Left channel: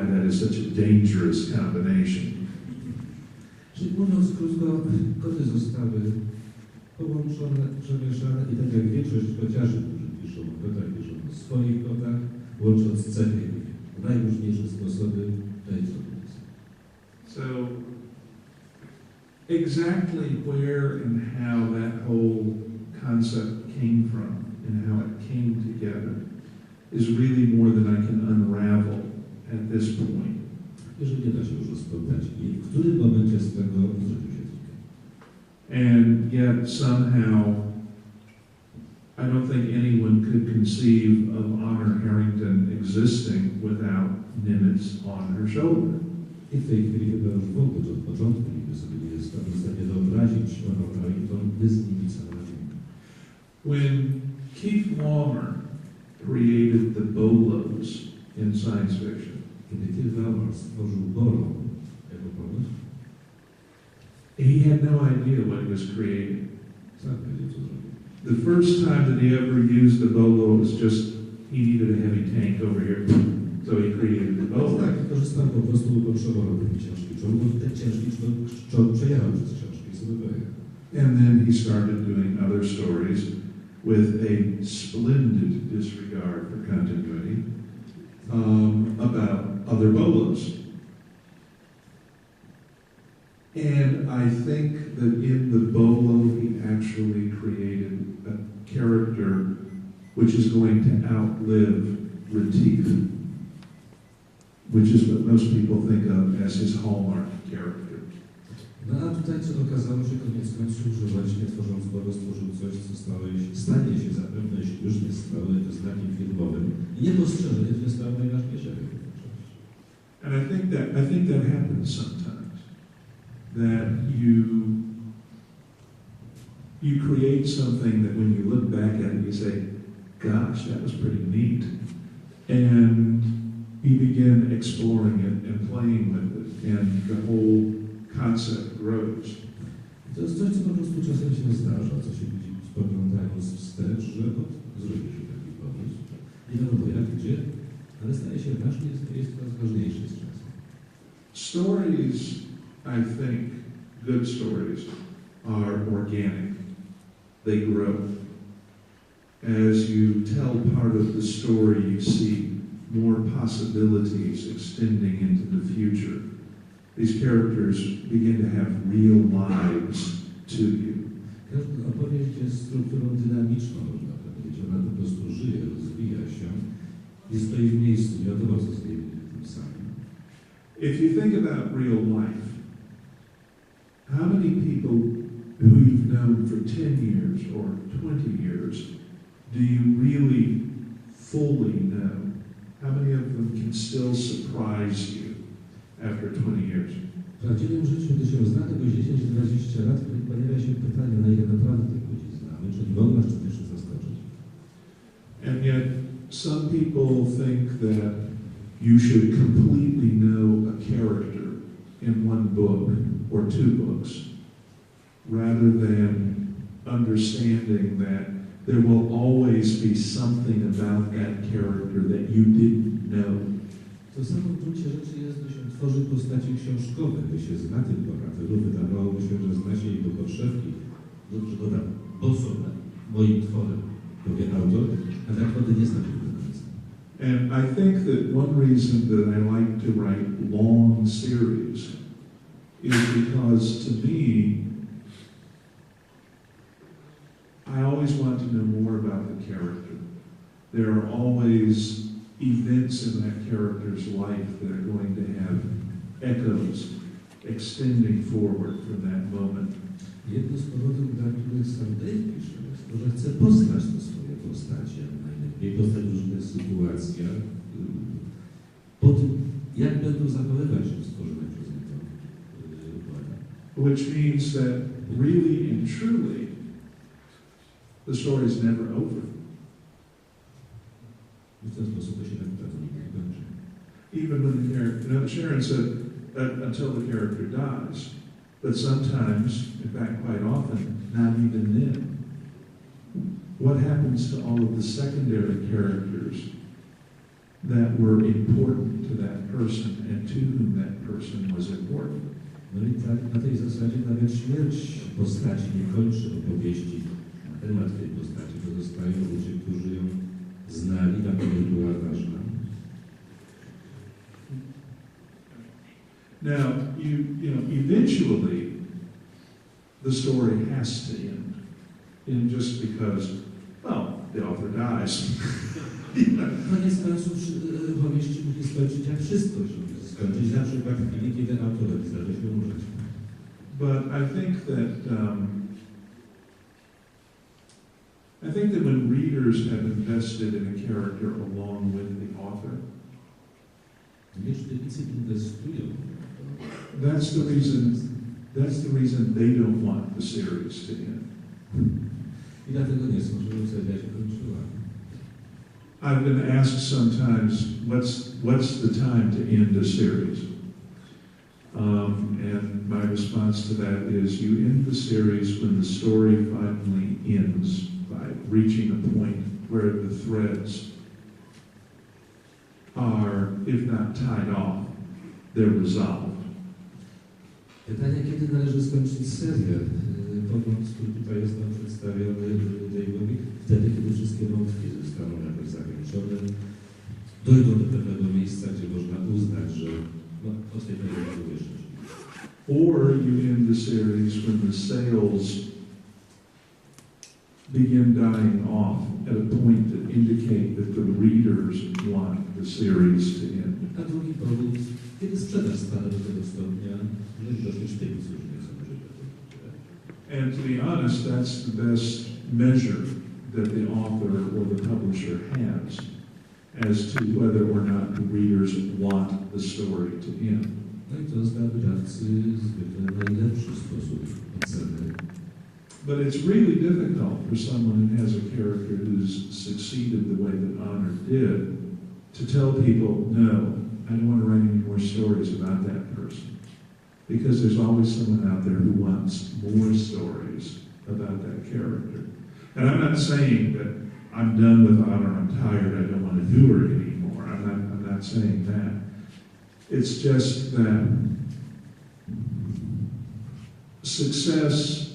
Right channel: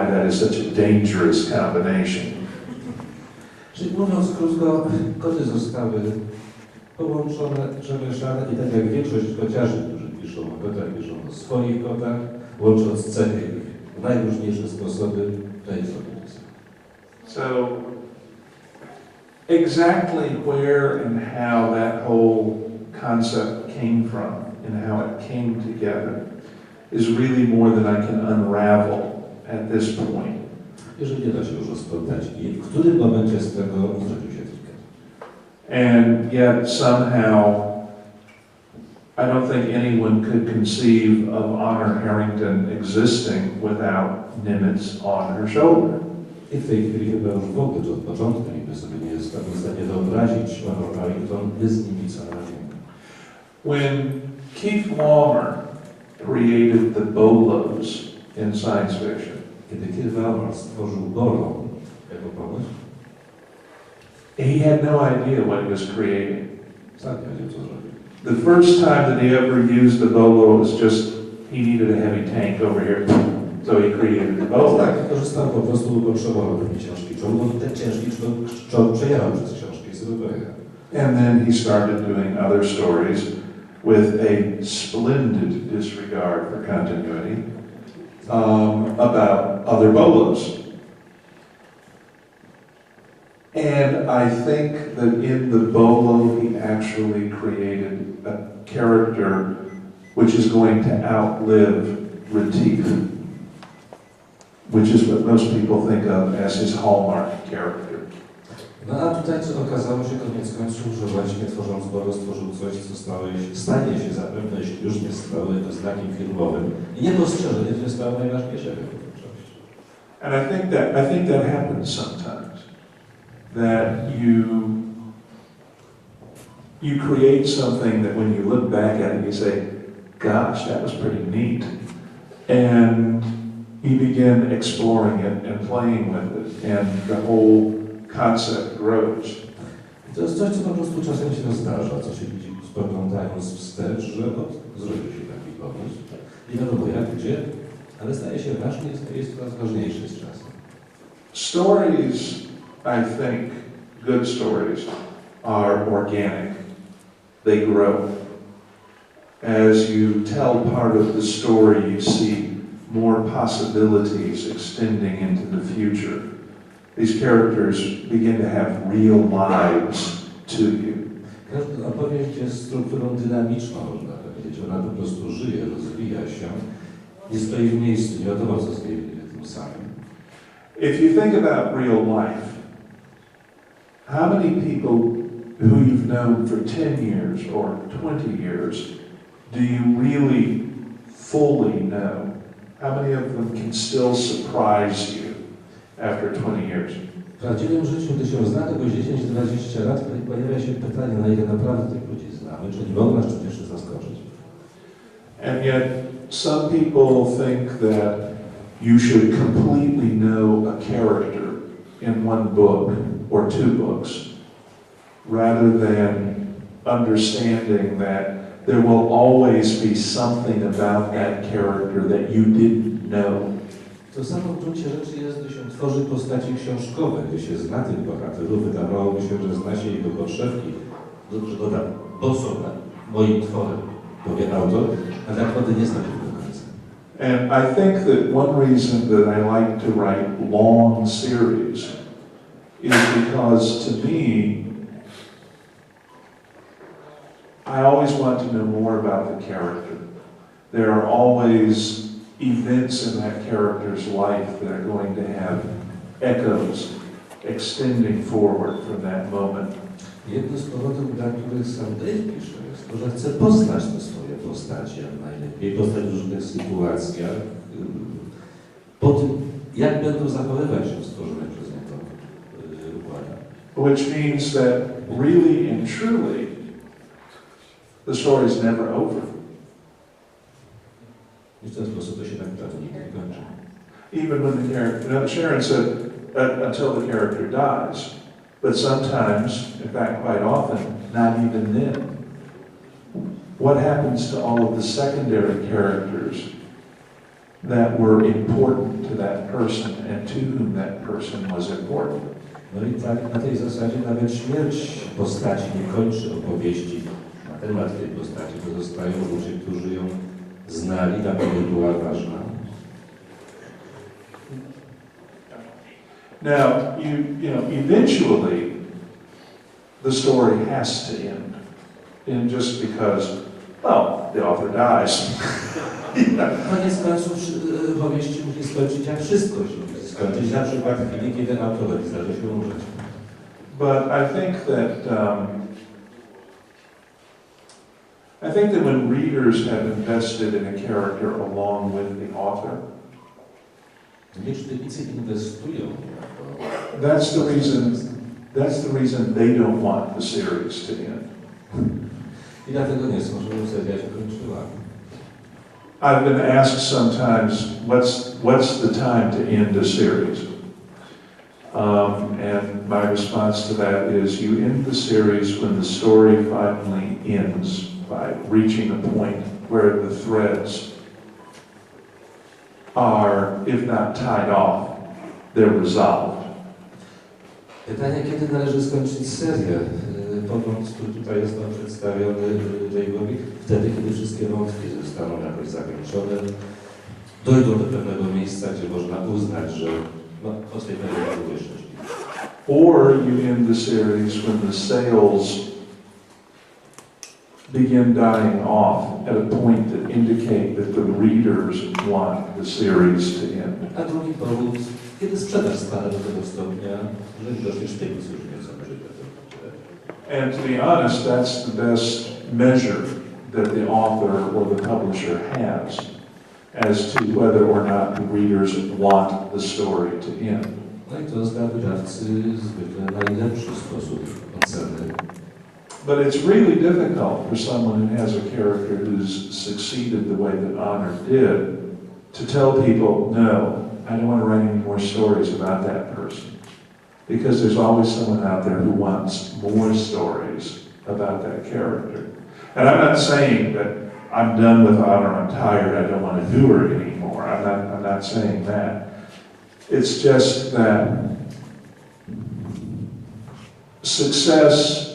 why that is such a dangerous combination. Czyli mówiąc krótko, koty zostały połączone, przemieszane i tak jak większość kociarzy, którzy piszą o kotach, piszą o swoich kotach, łącząc cechy ich w najróżniejsze sposoby, to jest organizacja. So, exactly where and how that whole concept came from and how it came together is really more than I can unravel at this point. Jeżeli nie da się już rozpoznać, i w którym momencie z tego zrobił się trik. And yet somehow, I don't think anyone could conceive of Honor Harrington existing without Nimitz on her shoulder. I w tej chwili chyba już w ogóle od początku nikt sobie nie jest w stanie wyobrazić Honor Harrington bez Nidzica na ręku. When Keith Laumer created the bolos in science fiction, Kiedy Keith Laumer stworzył Bolo jako pomysł, he had no idea what he was creating. sam nie wiedział, co zrobił. The first time that he ever used the bolo was just, he needed a heavy tank over here, so he created the bolo. Tak, korzystał po prostu, bo potrzebował pewnej ciężkiej czołg, bo ten ciężki czołg przejarał przez książki, sobie pojechał. And then he started doing other stories with a splendid disregard for continuity about other bolos. And I think that in the bolo he actually created a character which is going to outlive Retief, which is what most people think of as his hallmark character. No a tutaj co okazało się koniec końców, że właśnie tworząc Bolo stworzył coś, co stanie się zapewne, jeśli już nie stało jego znakiem filmowym i niepostrzeżenie, że stało najważniejszego. And I think that happens sometimes. That you create something that when you look back at it, you say, gosh, that was pretty neat. And you begin exploring it and playing with it, and the whole concept grows. To jest coś, co po prostu czasem się zdarza, co się widzi spoglądając wstecz, że zrobił się taki pomysł. Nie wiadomo jak, gdzie, ale staje się ważny i jest coraz ważniejszy z czasem. Stories, I think, good stories, are organic. They grow. As you tell part of the story, you see more possibilities extending into the future. These characters begin to have real lives to you. Każda opowieść jest strukturą dynamiczną, można powiedzieć. Ona po prostu żyje, rozwija się, nie stoi w miejscu, nie wiadomo co z niej tym samym. If you think about real life, how many people who you've known for 10 years or 20 years do you really fully know? How many of them can still surprise you after 20 years? W prawdziwym życiu, gdy się zna kogoś 10-20 lat, pojawia się pytanie, na ile naprawdę tych ludzi znamy, czyli mogą nas czymś jeszcze zaskoczyć. And yet, some people think that you should completely know a character in one book or two books, rather than understanding that there will always be something about that character that you didn't know. To samo w gruncie rzeczy jest, gdy się tworzy postaci książkowe, gdy się zna tych bohaterów, wydawałoby się, że zna się ich do podszewki. Dobrze dodam, bo są moim tworem, powie autor, a tak naprawdę nie zna się do końca. And I think that one reason that I like to write long series is because to me, I always want to know more about the character. There are always events in that character's life that are going to have echoes extending forward from that moment. Jednym z powodów, dla których sam Dave pisze, jest to, że chce poznać te swoje postacie najlepiej, poznać w różnych sytuacjach, po tym, jak będą zachowywać się w stworzonych przez niego układach. Which means that really and truly, the story is never over. I w ten sposób to się tak naprawdę nigdy nie kończy. Even when the character, Sharon said, until the character dies, but sometimes, in fact quite often, not even then. What happens to all of the secondary characters that were important to that person and to whom that person was important. No i tak na tej zasadzie nawet śmierć postaci nie kończy opowieści na temat tej postaci, pozostają ludzie, którzy ją znali, dla których była ważna. Now, you know, eventually the story has to end. And just because, well, the author dies. Koniec końców powieści musi skończyć, jak wszystko się musi skończyć, na przykład w chwili, kiedy autorowi zdarzy się umrzeć. But I think that when readers have invested in a character along with the author, Nie czytelnicy inwestują. that's the reason they don't want the series to end. I dlatego nie są, żeby seria się kończyła. I've been asked sometimes, what's the time to end a series? And my response to that is, you end the series when the story finally ends by reaching a point where the threads are, if not tied off, they're resolved. Pytanie, kiedy należy skończyć serię? Pogląd, który tutaj jest nam przedstawiony Dave'owi, wtedy, kiedy wszystkie wątki zostaną jakoś zakończone, dojdą do pewnego miejsca, gdzie można uznać, że no, od tej pory były szczęśliwe. Or you end the series when the sales begin dying off at a point that indicate that the readers want the series to end. A drugi powód, kiedy sprzedaż spada do tego stopnia, że widocznie sztyków już nie są żywe. And to be honest, that's the best measure that the author or the publisher has as to whether or not the readers want the story to end. No i to dla wydawcy zwykle najlepszy sposób oceny. But it's really difficult for someone who has a character who's succeeded the way that Honor did to tell people, no, I don't want to write any more stories about that person. Because there's always someone out there who wants more stories about that character. And I'm not saying that I'm done with Honor, I'm tired, I don't want to do her anymore. I'm not saying that. It's just that success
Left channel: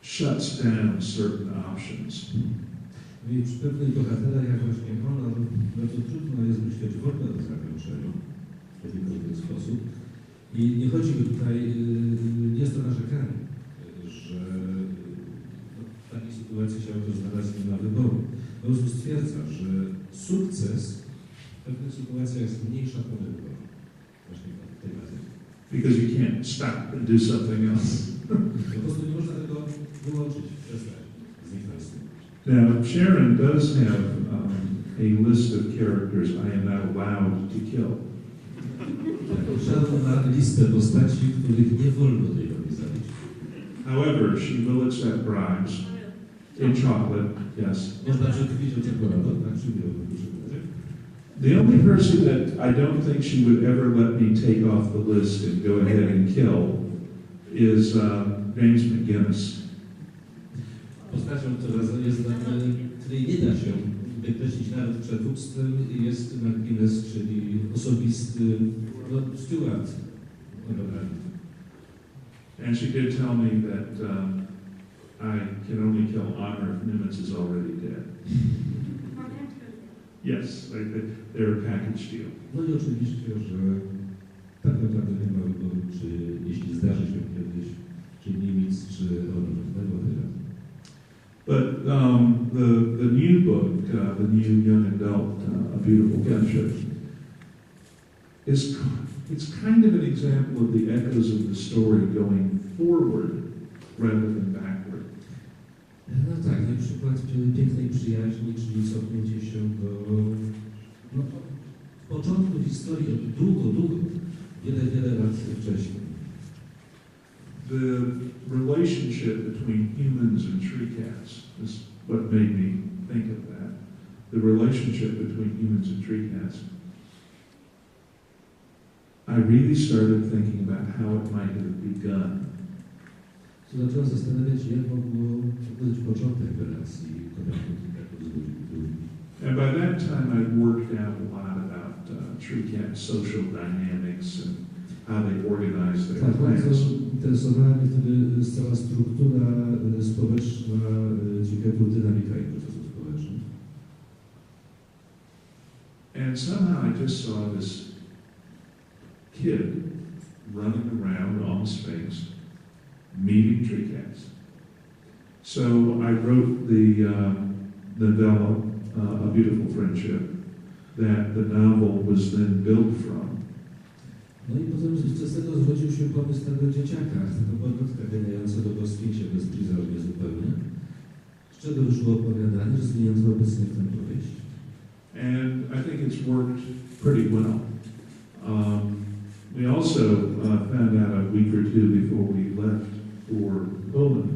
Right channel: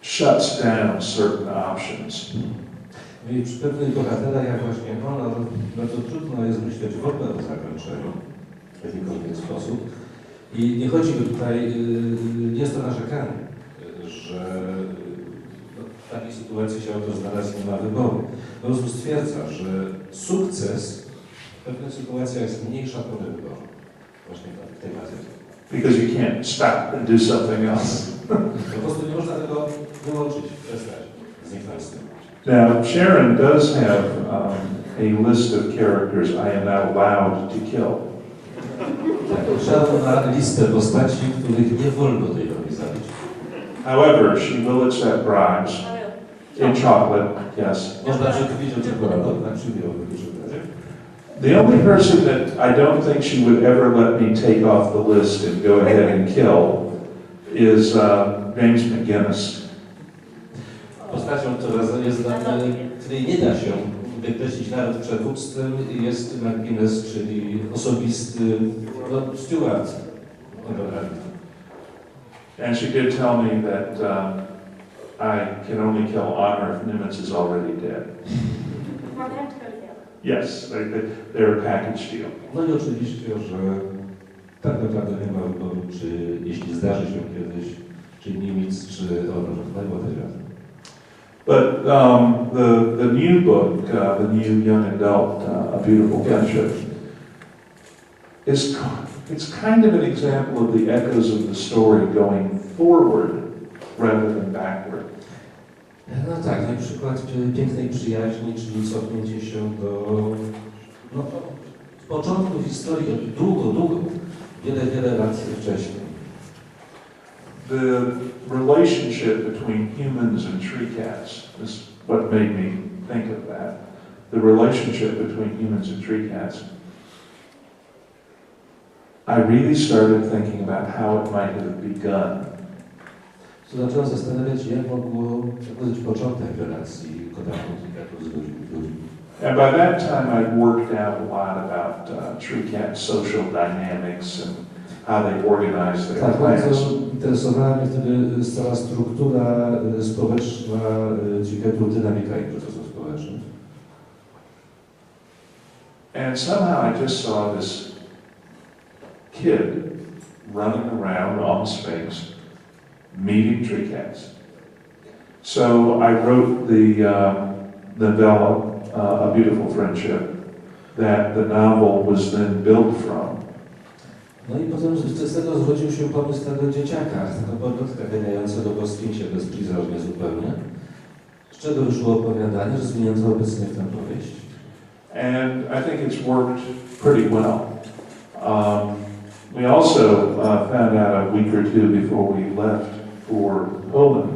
shuts down certain options. I przy pewnych bohaterach, jak właśnie Honor, bardzo trudno jest myśleć w ogóle o zakończeniu w jakikolwiek sposób. I nie chodzi tutaj, nie jest to narzekanie, że w takiej sytuacji się autor znalazł, nie ma wyboru. Po prostu stwierdza, że sukces w pewnych sytuacjach zmniejsza pole wyboru. Właśnie w tej materii. Because you can't stop and do something else. Po prostu nie można tego wyłączyć, przestać, zniknąć z tym. Now, Sharon does have a list of characters I am not allowed to kill. Sharon ma listę postaci, których nie wolno Dave'owi zabić. However, she will accept bribes in chocolate, yes. Można przekupić o czekoladę, tak? Przybierowy czekoladzie. The only person that I don't think she would ever let me take off the list and go ahead and kill is James McGinnis. Postacią, której nie da się wykreślić nawet przekupstwem, jest McGinnis, czyli osobisty steward. And she did tell me that I can only kill Honor if Nimitz is already dead. Yes, they're a package deal. No i oczywiście, że tak naprawdę nie ma wyboru, czy jeśli zdarzy się kiedyś, czy Nimitz, czy Honor, whatever. But the new book, the new young adult, A Beautiful Gunship, it's kind of an example of the echoes of the story going forward rather than backward. No tak, no i przykład pięknej przyjaźni, czyli cofnięcie się do początku historii, długo, wiele lat wcześniej. The relationship between humans and tree cats is what made me think of that. The relationship between humans and tree cats. I really started thinking about how it might have begun. So zacząłem zastanawiać się, jak mógł być początek relacji kota z ludźmi. And by that time, I'd worked out a lot about tree cat social dynamics and how they organize their Tak, plans. bardzo interesowała mnie wtedy cała struktura społeczna triketów, dynamika ich procesów społecznych. And somehow I just saw this kid running around on the Sphinx, meeting tree cats. So I wrote the novella, A Beautiful Friendship, that the novel was then built from. No i potem z tego zrodził się pomysł tego dzieciaka, tego podlotka ganiającego po Sfinksie bezprizornie zupełnie, z czego wyszło opowiadanie, rozwinięte obecnie w tę powieść. And I think it's worked pretty well. We also found out a week or two before we left for Poland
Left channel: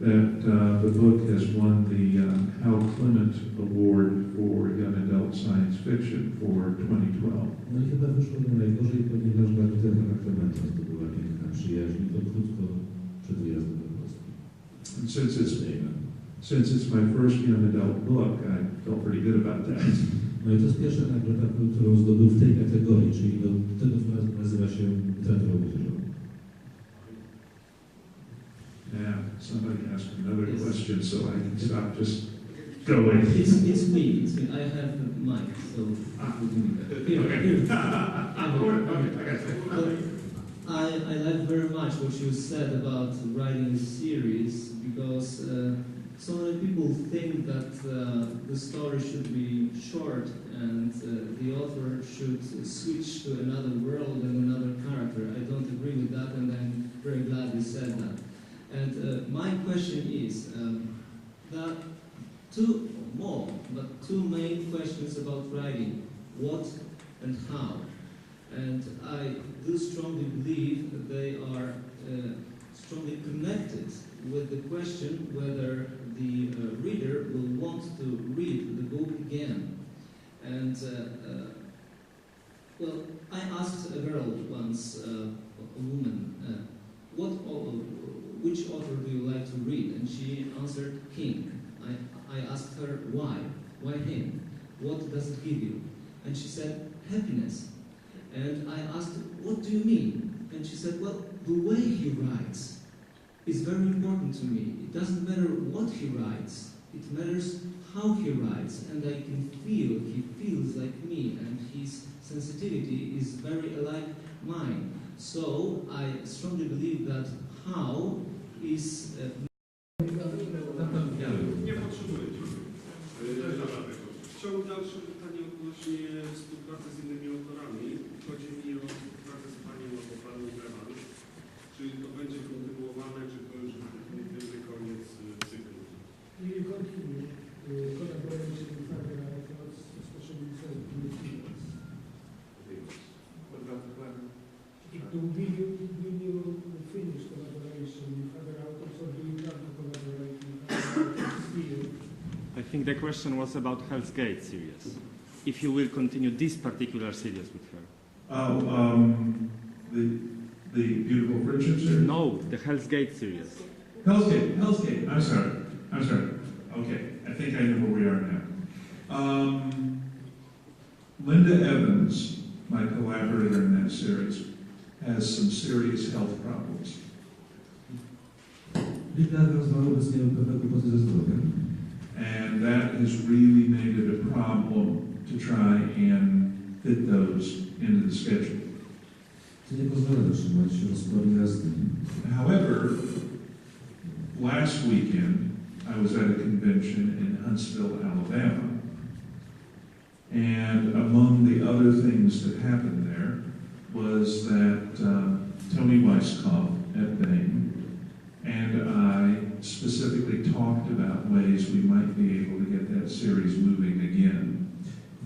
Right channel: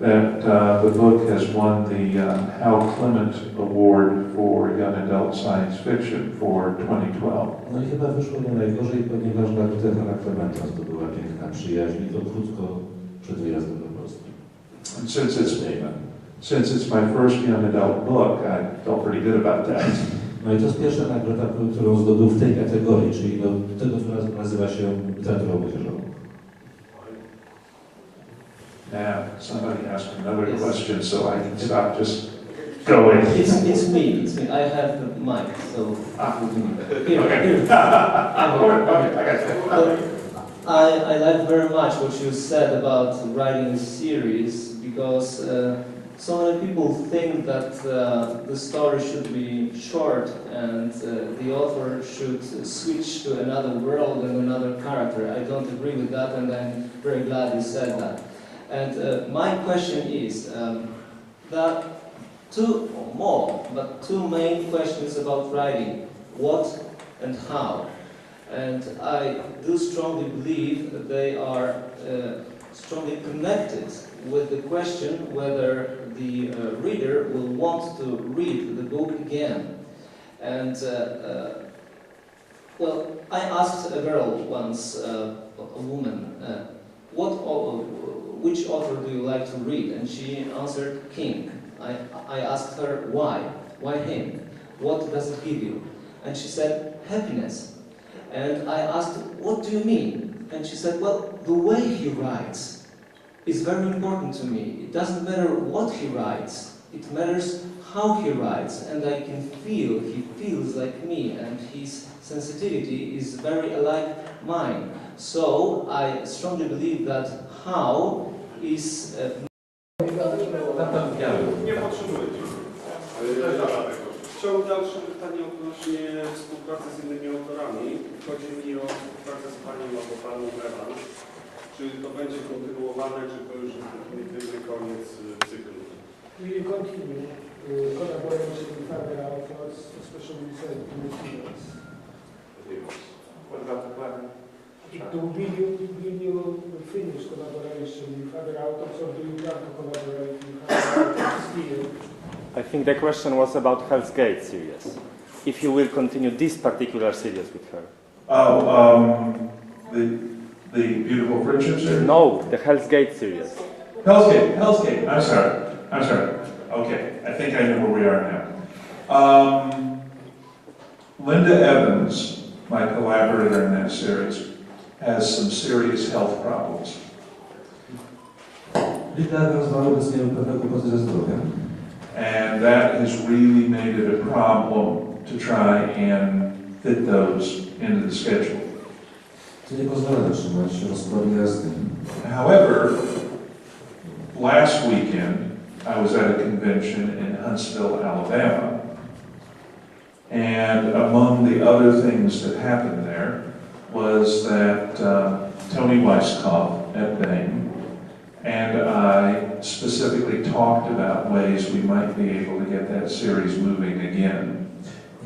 that the book has won the Hal Clement Award for Young Adult Science Fiction for 2012. No i chyba wyszło nie najgorzej, ponieważ nagrodę Hala Clementa zdobyła piękna przyjaźń i to krótko przed wyjazdem do Polski. And since it's my first young adult book, I felt pretty good about that. No i to jest pierwsza nagroda, którą zdobył w tej kategorii, czyli do tego, która nazywa się literaturą młodzieżową. Now, somebody asked another question, so I can stop just going. It's me. I have the mic, so here. Okay, I got you. I like very much what you said about writing a series, because so many people think that the story should be short and the author should switch to another world and another character. I don't agree with that, and I'm very glad you said that. And my question is that two or more, but two main questions about writing: what and how. And I do strongly believe that they are strongly connected with the question whether the reader will want to read the book again. And well, I asked a girl once, a woman, which author do you like to read? And she answered King. I asked her why? Why him? What does it give you? And she said happiness. And I asked, what do you mean? And she said, well, the way he writes is very important to me. It doesn't matter what he writes, it matters how he writes, and I can feel he feels like me, and his sensitivity is very alike mine. So I strongly believe that how is... Nie potrzebuję. Chciałbym dalsze pytanie odnośnie współpracy z innymi autorami. Chodzi mi o współpracę z panią albo panem Evans. Czy to będzie kontynuowane, czy to już jest definitywny koniec cyklu? We will continue collaboration with other authors, especially with materials. What about the plan? Will you finish collaboration with other authors, or do you plan to collaborate with other authors still? I think the question was about Hell's Gate series. If you will continue this particular series with her. The Beautiful Friendship series? No, the Hell's Gate series. Hell's Gate, I'm sorry. Okay, I think I know where we are now. Linda Evans, my collaborator in that series, has some serious health problems. Linda Evans ma obecnie pewne kłopoty ze zdrowiem. And that has really made it a problem to try and fit those into the schedule. To nie pozwala trzymać rozkładu jazdy. However, last weekend I was at a convention in Huntsville, Alabama, and among the other things that happened there was that Tony Weisskopf at Bain and I specifically talked about ways we might be able to get that series moving again.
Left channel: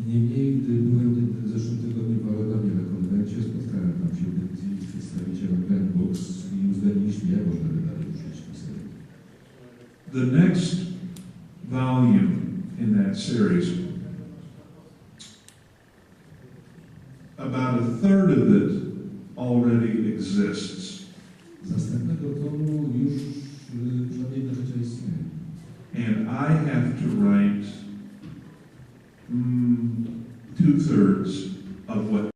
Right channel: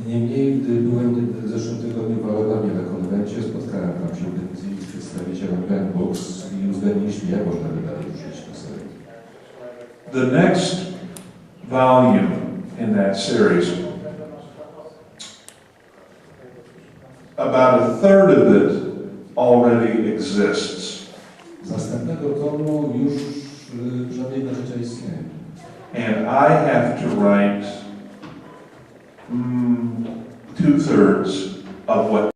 Niemniej, gdy byłem w zeszłym tygodniu w Alabamie na konwencie, spotkałem tam się z przedstawicielem Gun Books i uzgodniliśmy, jak można by dalej ruszyć tę serię. The next volume in that series, about a third of it already exists. Z następnego tomu już żadnej trzecia istnieje. And I have to write 2/3 of what